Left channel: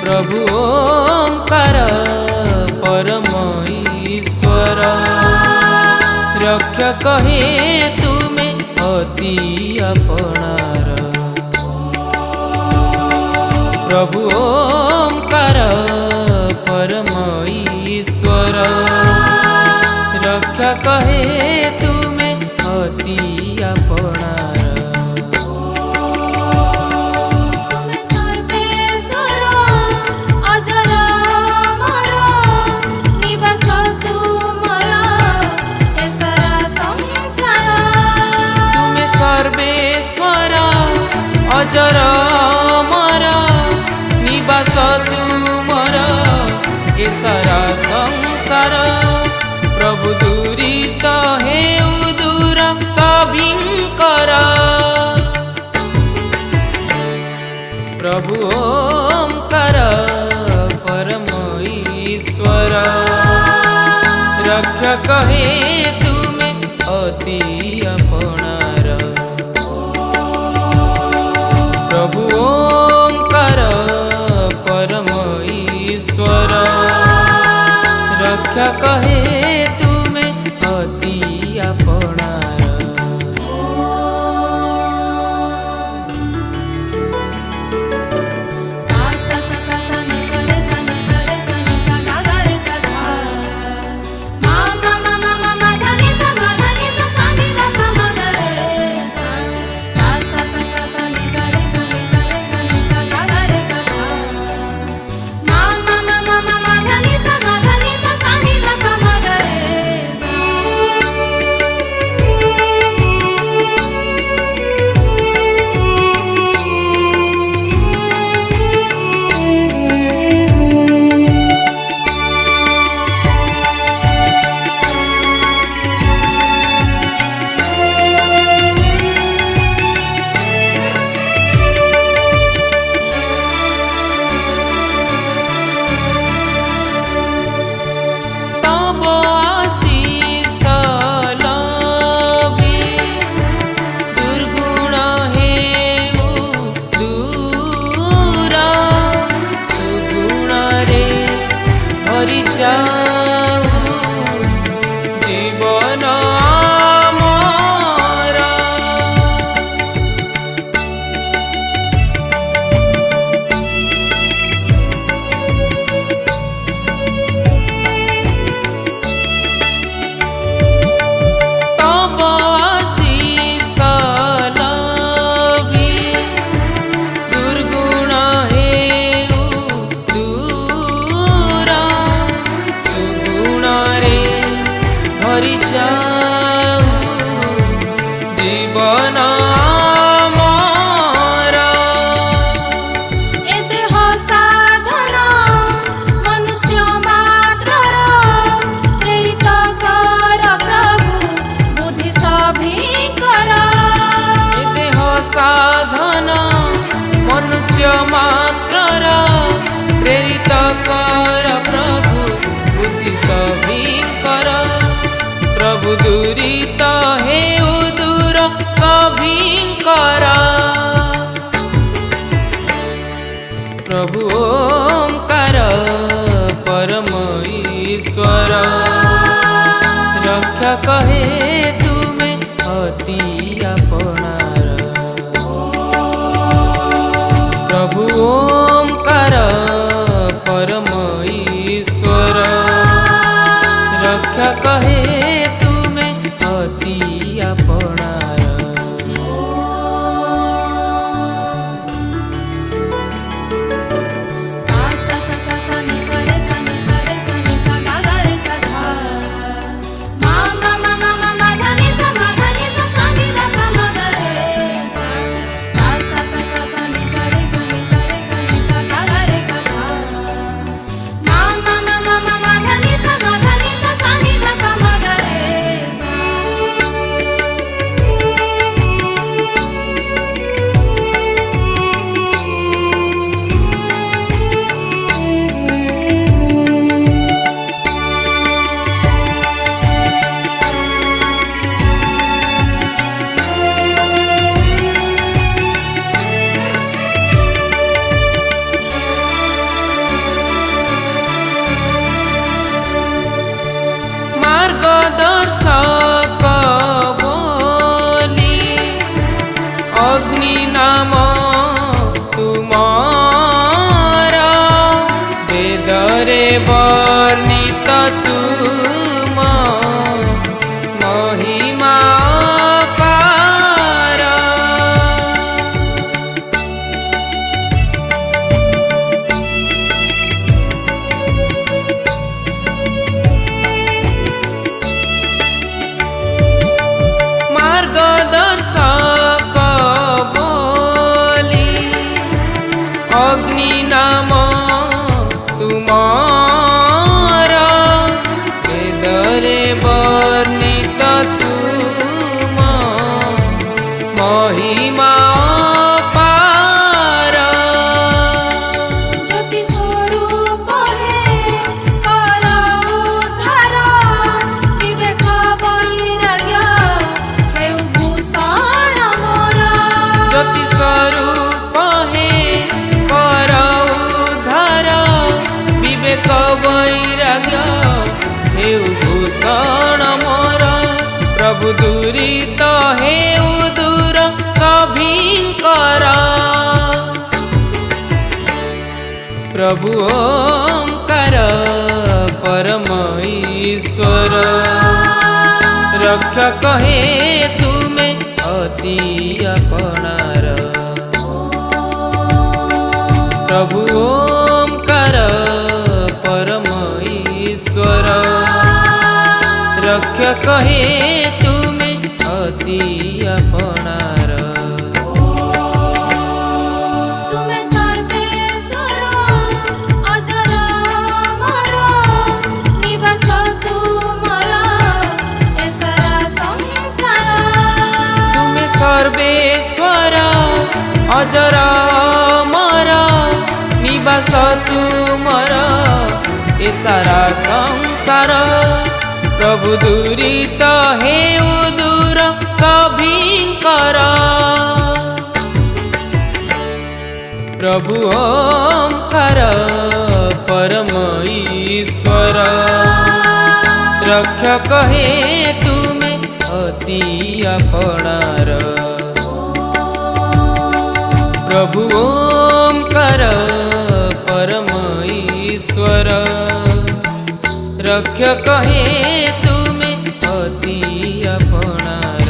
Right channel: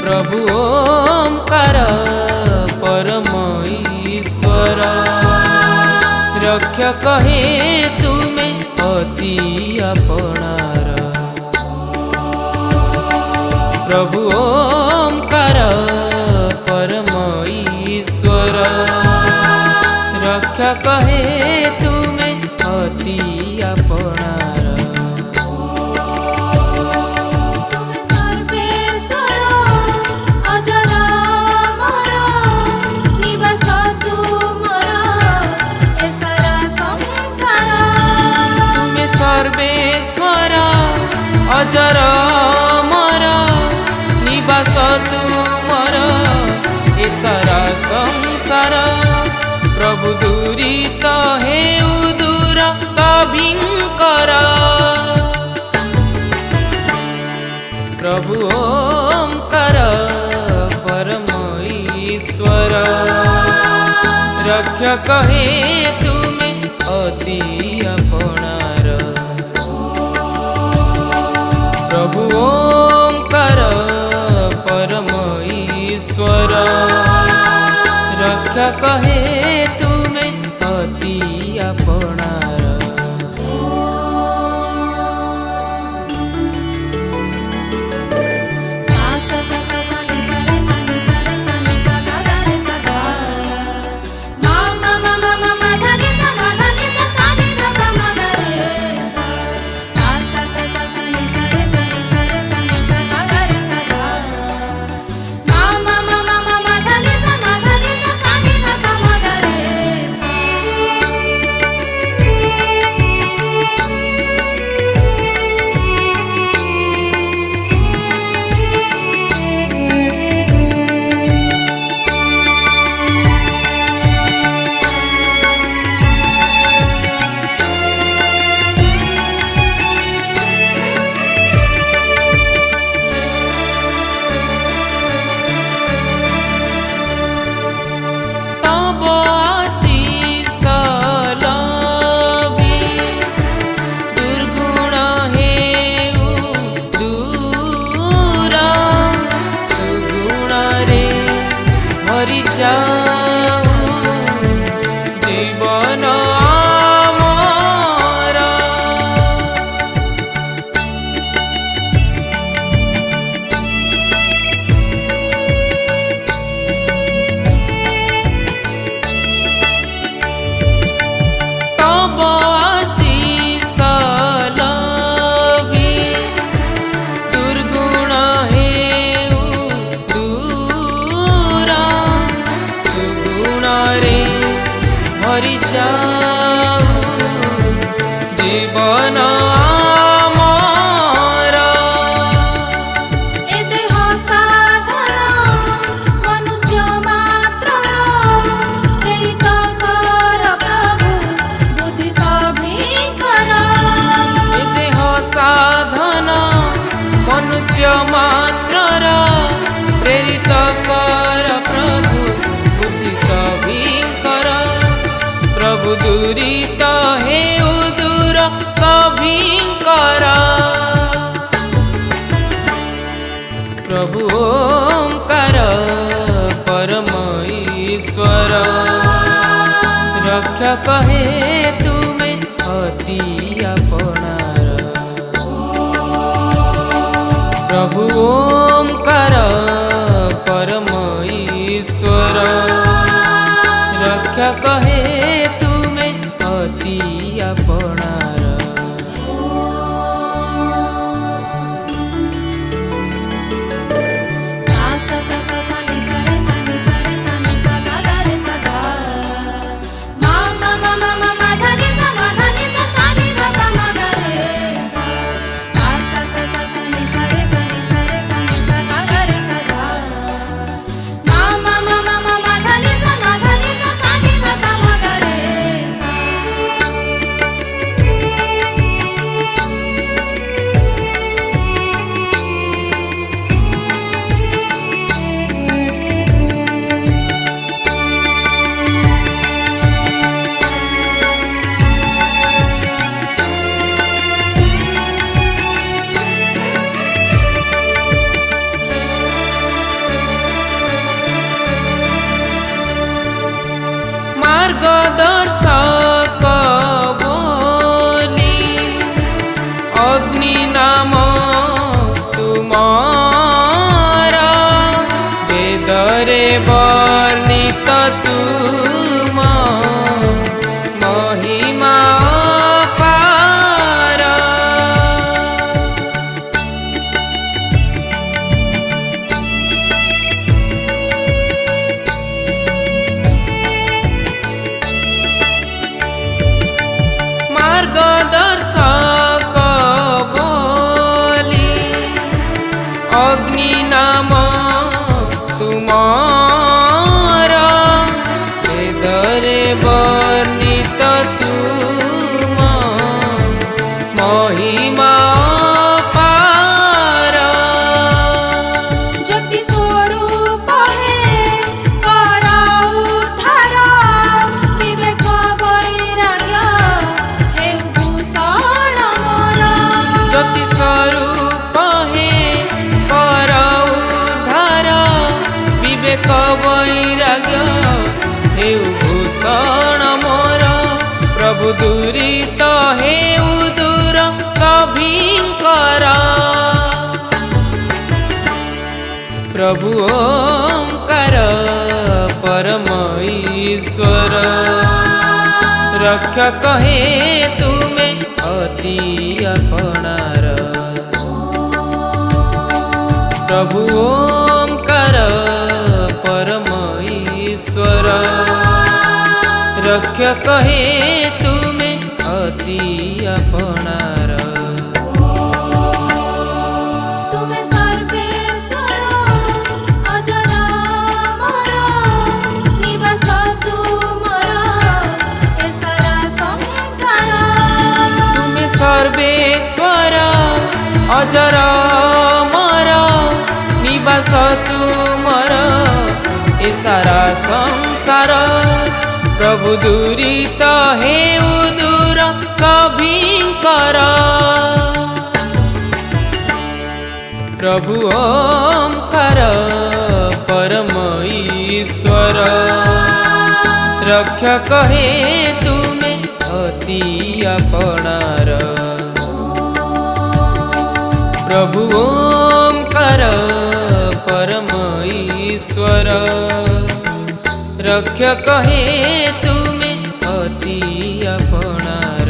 प्रभु ओंकार परम ईश्वर रक्षक हे तुमे अति अपनार। प्रभु ओंकार परम ईश्वर रक्षक हे तुमे अति अपनार। सर्वेश्वर अजर अमर निवास तुमर ए सारा संसार। प्रभु दुरित हेउ दूर सभिंकर। प्रभु ओंकार परम ईश्वर रक्षक हे तुमे अति अपनार। प्रभु ओंकार परम ईश्वर रक्षक हे तुमे अति अपनार। दुर्गुण हेउ दूर सुगुण रे भरि जाऊ जीवन आमर। तब आशीष लभी दुर्गुण हेउ दूर सुगुण रे भरि जाऊ जीवन आमर। साधन मनुष्य मात्रर प्रेरित कर प्रभु बुद्धि सभिंकर। प्रभु दुरित हेउ दूर सभिंकर। प्रभु ओंकार परम ईश्वर रक्षक हे तुमे अति अपनार। प्रभु ओंकार परम ईश्वर रक्षक हे तुमे अति अपनार। दर्शक बोली अग्नि नाम तुमारा वेदरे वर्णित तुम महिमा अपार। मार्गदर्शक बोली अग्नि नाम तुमारा वेदरे वर्णित तुम महिमा अपार। ज्योति स्वरूप हे पराउद्धार विवेक वैराग्य हे भूषण मोर। ज्योति स्वरूप हे पर उद्धार विवेक वैराग्य हे भूषण मोर। प्रभु दुरित हे दूर सभिंकर प्रभु ओंकार परम ईश्वर रक्षक हे तुमे अति अपनार। प्रभु ओंकार परम ईश्वर रक्षक हे तुमे अति अपनार। तुमे सर्वेश्वर अजर अमर निवास तुमर ए सारा संसार। तुमे सर्वेश्वर अजर अमर निवास तुमर ए सारा संसार। प्रभु दुरित हे दूर सभिंकर प्रभु ओंकार परम ईश्वर रक्षक हे तुमे अति अपनार। प्रभु ओंकार परम ईश्वर रक्षक हे तुमे अति अपनार।